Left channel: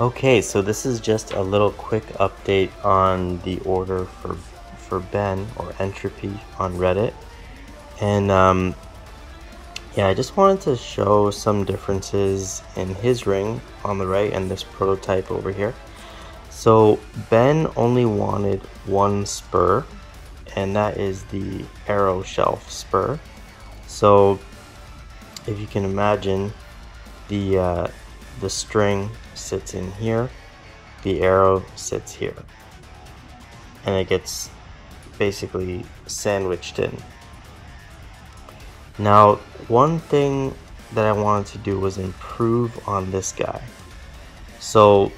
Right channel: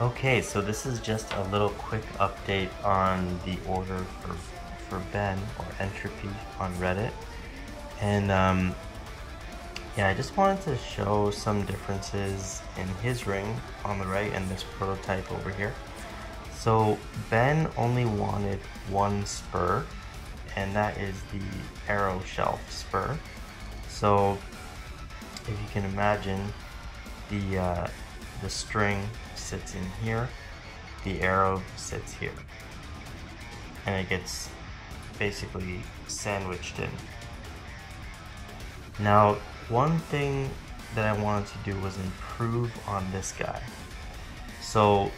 Okay, so this is just a little quick update on the order for Ben or Entropy on Reddit. And yeah, I just wanted to show some differences in his ring on the right and this prototype over here. So Ben only wanted one spur, and that is the arrow shelf spur. So if you can imagine, the string sits in here, the arrow sits here, and it gets basically sandwiched in. Now, one thing that I wanted to do was improve on this guy. So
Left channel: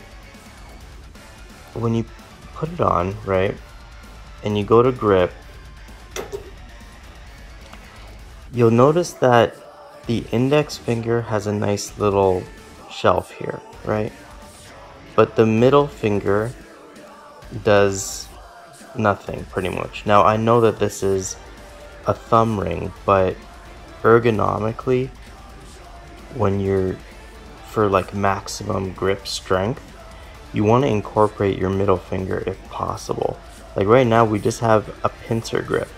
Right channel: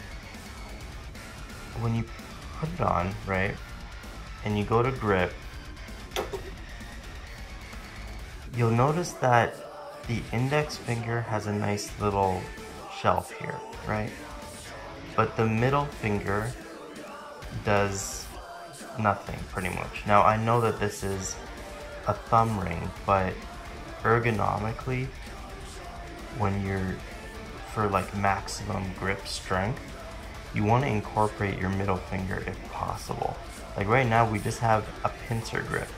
when you put it on, right, and you go to grip, you'll notice that the index finger has a nice little shelf here, right? But the middle finger does nothing pretty much. Now I know that this is a thumb ring, but ergonomically, when you're for like maximum grip strength, you want to incorporate your middle finger if possible. Like right now we just have a pincer grip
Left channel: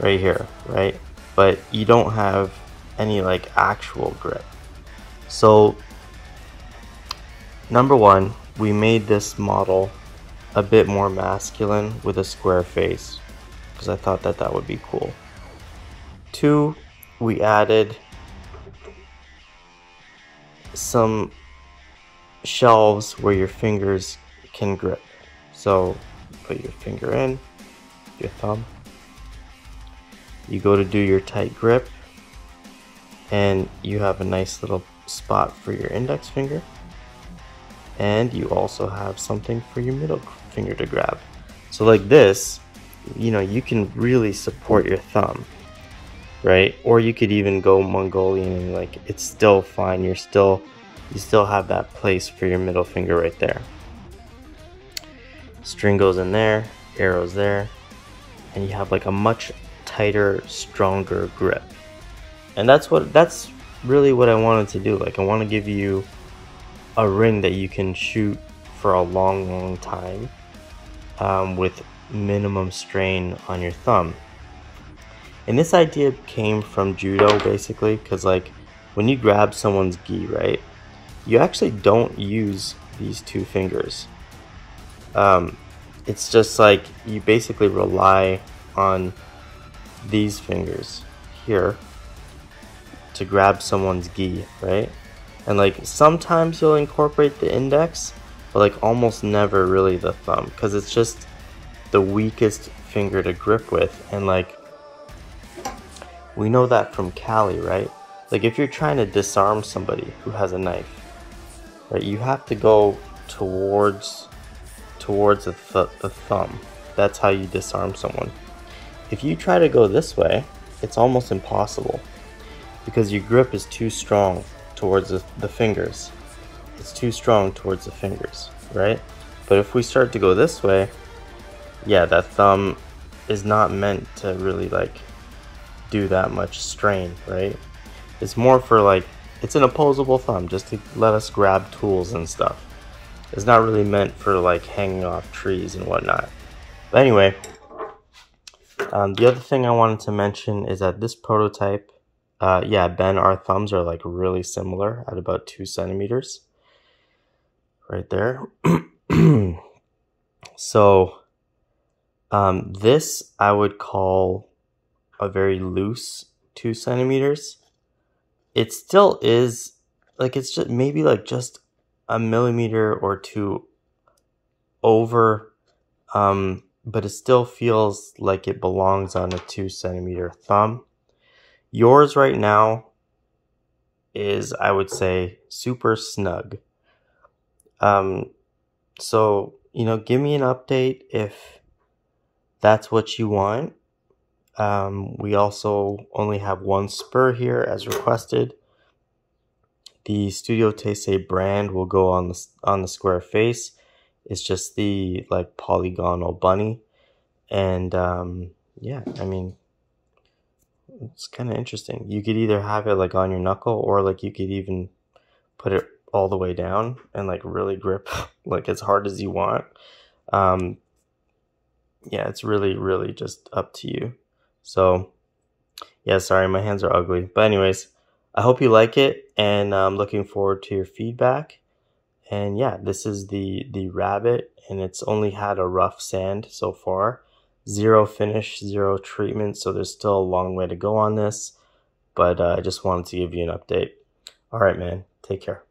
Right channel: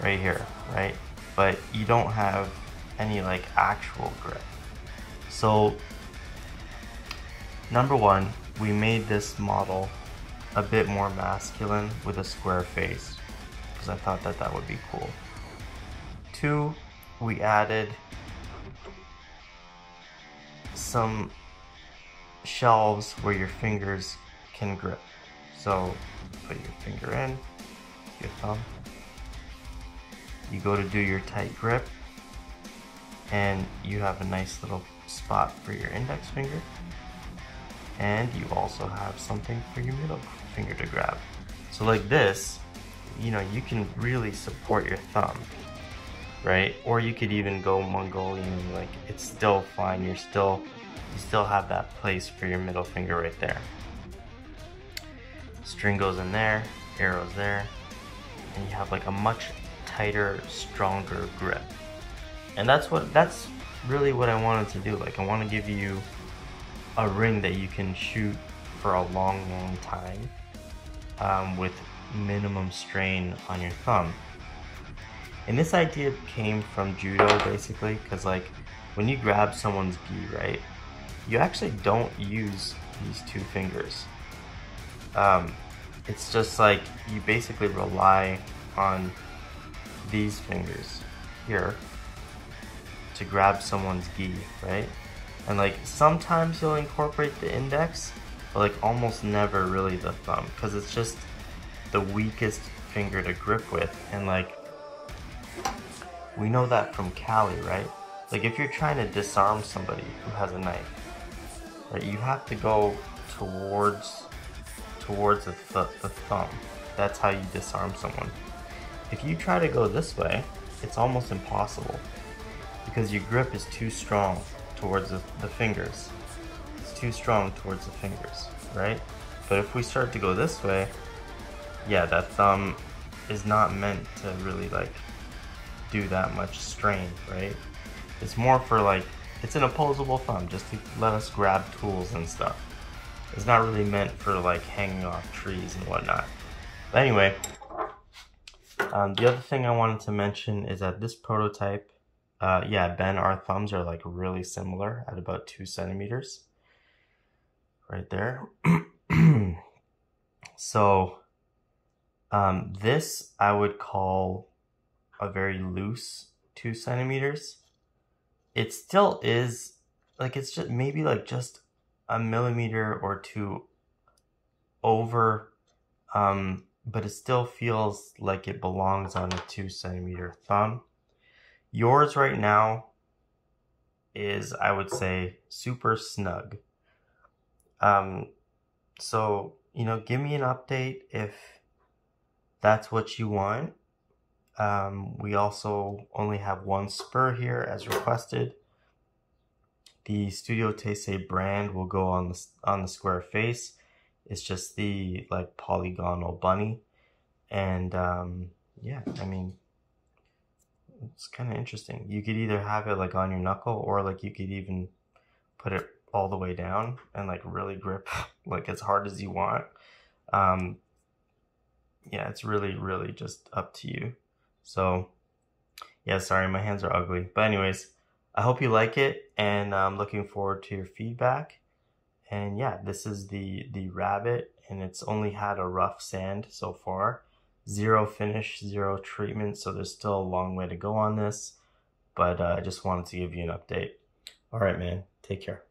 right here, right? But you don't have any like actual grip. So number one, we made this model a bit more masculine with a square face because I thought that that would be cool. Two, we added some shelves where your fingers can grip. So put your finger in, your thumb, you go to do your tight grip, and you have a nice little spot for your index finger, and you also have something for your middle finger to grab. So like this, you know, you can really support your thumb, right? Or you could even go Mongolian and like it's still fine. You still have that place for your middle finger right there. String goes in there, arrows there, and you have like a much tighter, stronger grip. And that's really what I wanted to do. Like I want to give you a ring that you can shoot for a long time with minimum strain on your thumb. And this idea came from judo basically, because like when you grab someone's gi, right, you actually don't use these two fingers. It's just like you basically rely on these fingers here to grab someone's gi, right? And like sometimes you'll incorporate the index, but like almost never really the thumb, because it's just the weakest finger to grip with. And like we know that from Cali, right? Like if you're trying to disarm somebody who has a knife, right, you have to go towards the thumb. That's how you disarm someone. If you try to go this way, it's almost impossible because your grip is too strong towards the fingers. It's too strong towards the fingers, right? But if we start to go this way, yeah, that thumb is not meant to really like do that much strain, right? It's more for like, it's an opposable thumb just to let us grab tools and stuff. It's not really meant for like hanging off trees and whatnot. But anyway, the other thing I wanted to mention is that this prototype, yeah, Ben, our thumbs are like really similar at about 2 centimeters right there. So this I would call a very loose 2 centimeters. It still is like, it's just maybe like just a millimeter or two over, but it still feels like it belongs on a 2 centimeter thumb. Yours right now is, I would say, super snug. So, you know, give me an update if that's what you want. We also only have one spur here as requested. The Studio Taisei brand will go on the square face. It's just the like polygonal bunny. And yeah, I mean, it's kind of interesting. You could either have it like on your knuckle, or like you could even put it all the way down and like really grip like as hard as you want. Yeah, it's really just up to you. So yeah, sorry, my hands are ugly. But anyways, I hope you like it, and I'm looking forward to your feedback. And yeah, this is the rabbit, and it's only had a rough sand so far. Zero finish, zero treatment, so there's still a long way to go on this. But I just wanted to give you an update. All right, man. Take care.